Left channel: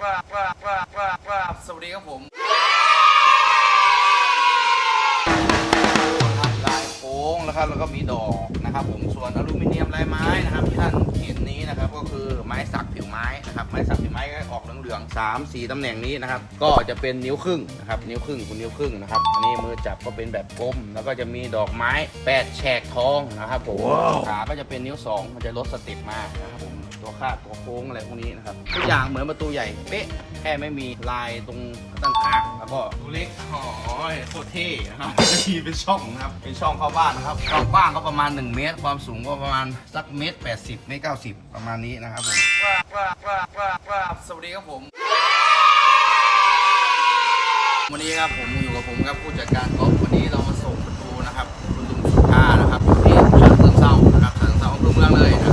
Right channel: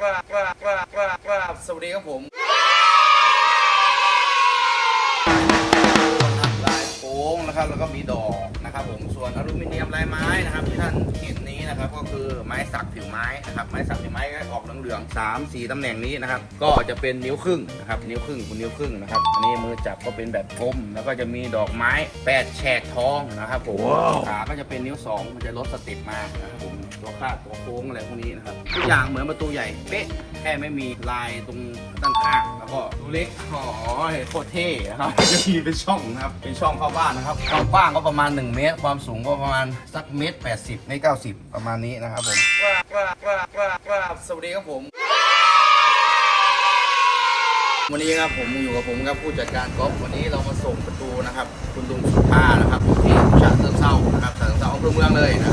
กราบกราบกราบกราบกราบสวัสดีครับผมลายโค้งนะครับแล้วก็มีดอกนะครับผมส่วนอลูมิเนียมลายไม้นะครับที่ท่านเห็นนี้นะครับก็คือไม้สักผิวไม้นะครับไม้สักผิวไม้ก็ออกเหลืองๆสามสี่ตำแหน่งนี้นะครับก็จะเป็นนิ้วครึ่งนะครับนิ้วครึ่งคุณนิ้วครึ่งนะครับอันนี้มือจับก็เป็นแบบกลมแล้วก็จะมีดอกไม้แปดแฉกทองนะครับผมขาก็จะเป็นนิ้วสองมันจะลดสเติปมานะครับผม ตัวคาดตัวโค้งอะไรพวกนี้นะครับทุกอย่างเหมือนประตูใหญ่เป๊ะแค่ไม่มีลายตรงด้านข้างแล้วก็ตัวเล็กหอยโคตรเท่นะครับจะมีเป็นช่องนะครับเป็นช่องเข้าบ้านนะครับความกว้างก็ประมาณ 1 เมตร ความสูงก็ประมาณสักเมตร80เมตร90 ประมาณนี้นะครับผมกราบกราบกราบกราบกราสวัสดีครับผมวันนี้ครับผมอยู่กับผมครับผู้จัดการกอล์ฟวันนี้เรามาส่งประตูนะครับ คุณตุงสุธานะครับที่ฉะเชิงเซานะครับฉะเชิงเซาอำเภอเมืองเลยนะ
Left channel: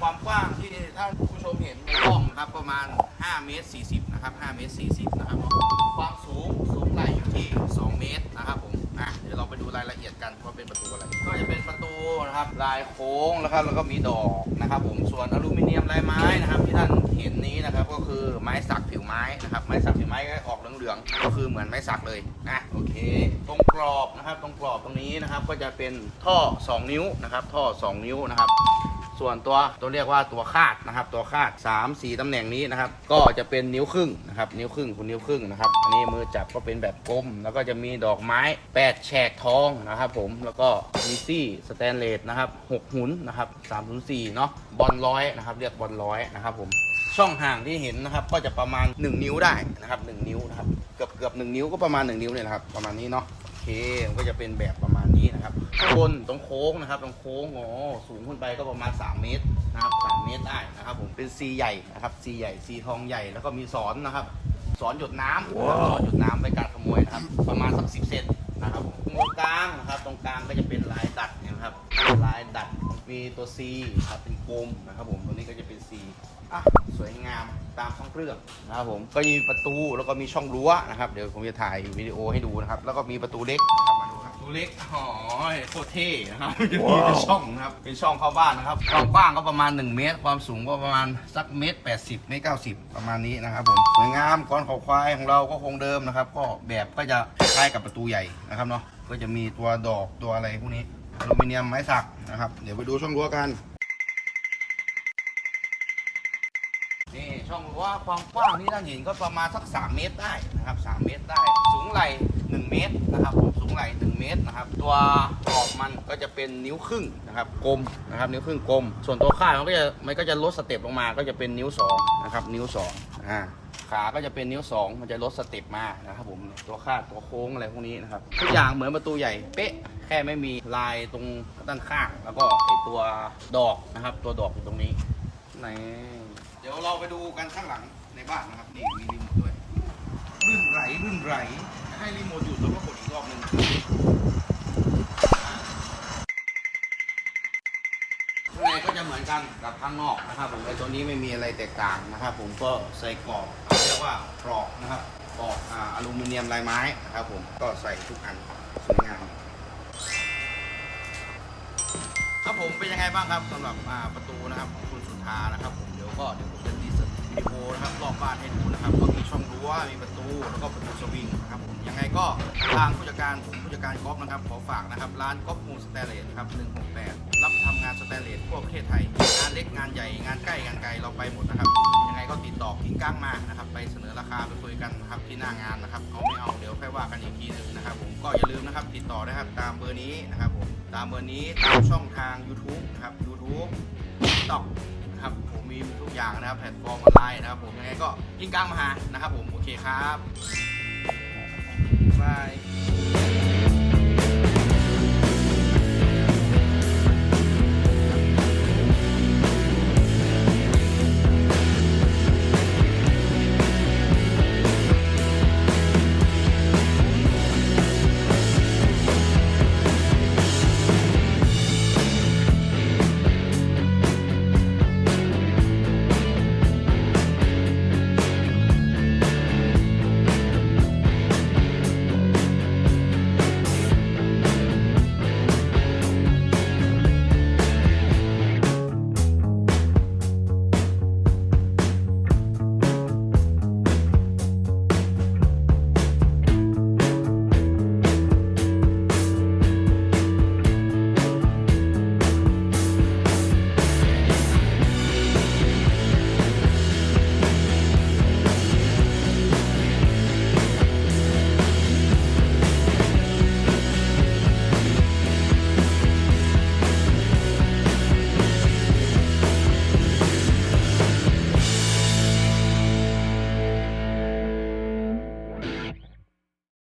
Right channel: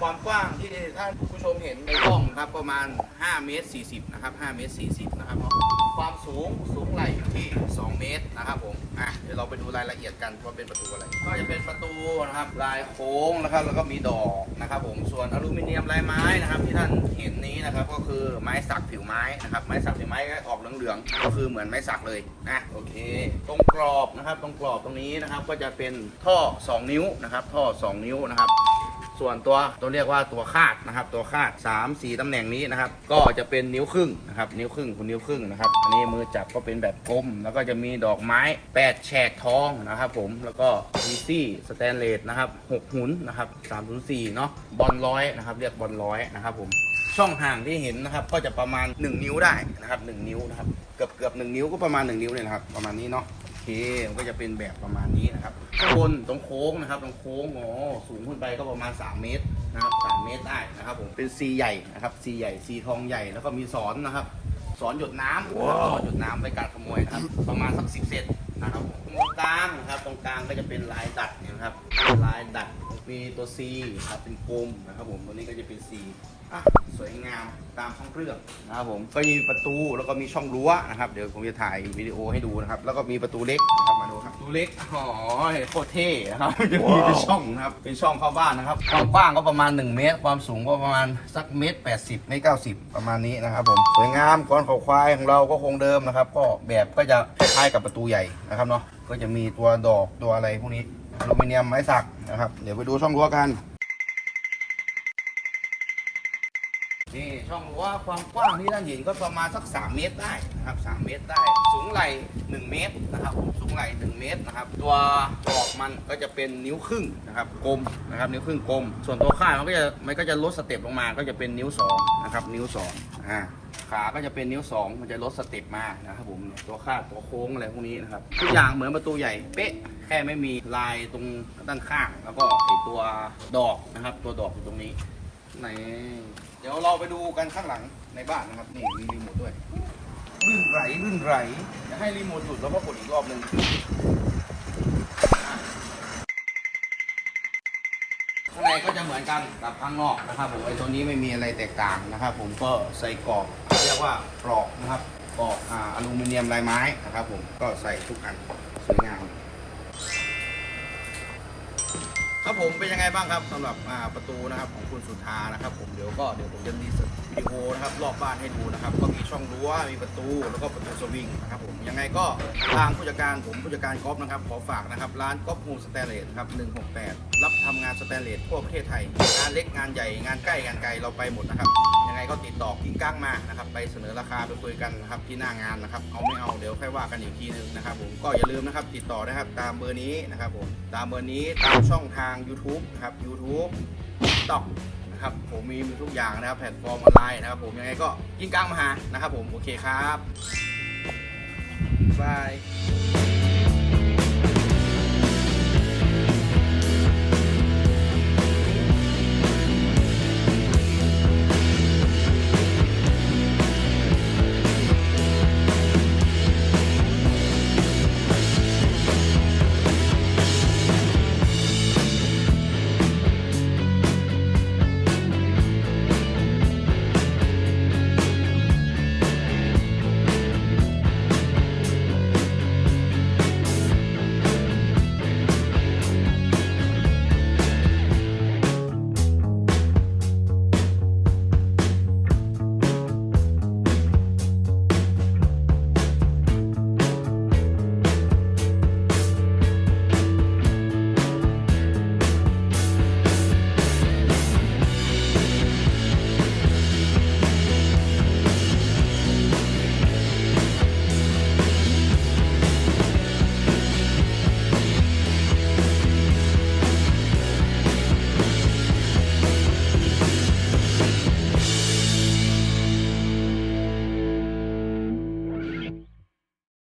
ครับความกว้างที่ท่านผู้ชมเห็นในกล้องครับประมาณ 5 เมตร 40 นะครับ 5 เมตร 40 นะครับ ความสูงสูงไหลอยู่ที่ 2 เมตรนะครับผมอะเดี๋ยวเราไปดูรายละเอียดกันว่าเป็นประตูอะไร ก็จะเป็นประตูนะครับลายโค้งแล้วก็แล้วก็มีดอกนะครับผมส่วนอลูมิเนียมลายไม้นะครับที่ท่านเห็นนี้นะครับก็คือไม้สักผิวไม้นะครับไม้สักผิวไม้ก็ออกเหลืองๆก็คือเหมือนไม้สักเลยนะโอเค ตรงกรอบนะครับตรงกรอบตรงนี้นะครับก็จะเป็นท่อ 2 นิ้วนะครับท่อ 2 นิ้วนะครับ ส่วนตัวตัวเรียกว่าตัวคาดนะครับ ตัวคาด 3 4ตำแหน่งนี้นะครับ ก็จะเป็นนิ้วครึ่งนะครับนิ้วครึ่งคุณนิ้วครึ่งนะครับอันนี้มือจับก็เป็นแบบกลม แล้วก็จะมีดอกไม้8แฉกทองนะครับผมแล้วก็มีซี่สแตนเลสนะครับ6หุนนะครับ304เนาะบอลร้อยนะครับเรียกบอลร้อยนะครับผมช่องห่างที่เห็นนะครับ ก็จะประมาณ 1 นิ้วได้นะครับ1นิ้วนะครับเกือบเกือบ1นิ้วก็ประมาณ 1 นิ้วเลยนะครับประมาณนี้เนาะ ก็จะเป็นแบบประมาณนี้นะครับข้างบนตรงโค้งนะครับตรงโค้งโอ้สูงขึ้นไปก็ประมาณ 3 เมตรนะครับ3เมตรได้นะครับผมเป็นซีใหญ่นะครับซีใหญ่ซีทองใหญ่แล้วก็มีสอนนะครับสอนหยดน้ำหยดน้ำไปการขโมยนะครับประมาณสักสิบเซนนะครับผมตรงกลางนะครับตรงกลางก็จะเป็นลายดัดนะครับลายดัดมีตัว C ครับเป็นกลมนะครับผมตัวนี้ก็จะเป็น C อะ รื่องนะครับผมก็มีประตูแล้วก็มีช่องรั้วนะครับเดี๋ยวผมจะถ่ายวิดีโอให้ดูนะครับ แล้วก็มีประตูเล็กนะครับมาดูครับประตูเล็กหอยโคตรเท่นะครับจะมีเป็นช่องนะครับเป็นช่องเข้าบ้านนะครับความกว้างก็ประมาณ 1 เมตร ความสูงก็ประมาณสักเมตร80เมตร90ประมาณนี้นะครับผมสวยงามก้อนเขาควายของเราก็คงเดิมนะครับ ก็แบบก็จะคล้ายกับประตูใหญ่นะครับเนาะก็จะมีตัวดอกตัวอะไรพวกนี้อลูมิเนียมไม้สักนะครับ เดี๋ยวไปดูช่องรั้วกัน นี่ช่องรั้วความกว้างที่ท่านเห็นก็ประมาณสัก 3 เมตรได้นะครับ 3 เมตรได้ สูงไหล่1เมตรนะครับ สูงไหล่1เมตรนะครับ ตัวดอกมันก็จะเป็นนิ้วครึ่งนะครับกลมนะครับนิ้วครึ่งกลม ส่วนตัวข้างมันก็จะมันก็จะลดสเต็ปลงมาก็จะเป็นนิ้ว2นะครับนิ้ว2อ่าขาก็จะเป็นนิ้ว 2 มันจะลดสเต็ปมานะครับผมตัวคาดตัวโค้งอะไรพวกนี้นะครับทุกอย่างเหมือนประตูใหญ่เป๊ะแค่ไม่มีลายตรงด้านข้าง แล้วก็ตัวดอกนะครับ ตัวดอกอยู่ตรงนี้นี่ เดี๋ยวเราไปดูกันข้างหลังในบ้านนะครับ นี่มีรีโมทด้วยรื่นไหลรื่นไหลจะให้รีโมทหยุดแล้วก็กดอีกรอบหนึ่งข้างในก็จะเหมือนกันกับข้างนอกนะครับผมตรงนี้ไม่มีอะไรแตกต่างนะครับ ผมก็ใส่กรอบเรียกว่ากรอบนะครับกรอบอาอลูมิเนียมลายไม้นะครับ ผมก็ใส่ทุกอันสวยงาม ครับผมเป็นยังไงบ้างครับสำหรับอ่าประตูนะครับของคุณสุธานะครับ ผมเดี๋ยวก็เดี๋ยวผมจะรีสวิดีโอนะครับรอบบ้านให้ดูนะครับก็มีช่องรั้วมีประตูแล้วก็ประตูสวิงนะครับผมยังไงก็ทางผู้จัดการผมผู้จัดการก๊อฟนะครับขอฝากนะครับร้านก๊อฟมูสแตนเลสครับ168 รับทำงานสแตนเลสทั่วประเทศไทยงานเล็กงานใหญ่งานใกล้งานไกลเราไปหมดนะครับ ไงก็ติดต่อกิ้งก้างมานะครับ ไปเสนอราคาไปคุยกันนะครับที่หน้างานนะครับ เอาไม่เอาเดี๋ยวค่อยว่ากันอีกทีหนึงนะครับ ผมก็อย่าลืมนะครับติดต่อนะครับ ตามเบอร์นี้นะครับ ผมตามเบอร์นี้ตามช่องทาง YouTube นะครับ YouTube TikTok นะครับผมมีทุกอย่างนะครับ แพลตฟอร์มออนไลน์นะครับ ผมยังไงก็กิ้งก้างมาหานะครับ ผมโอเคครับบาย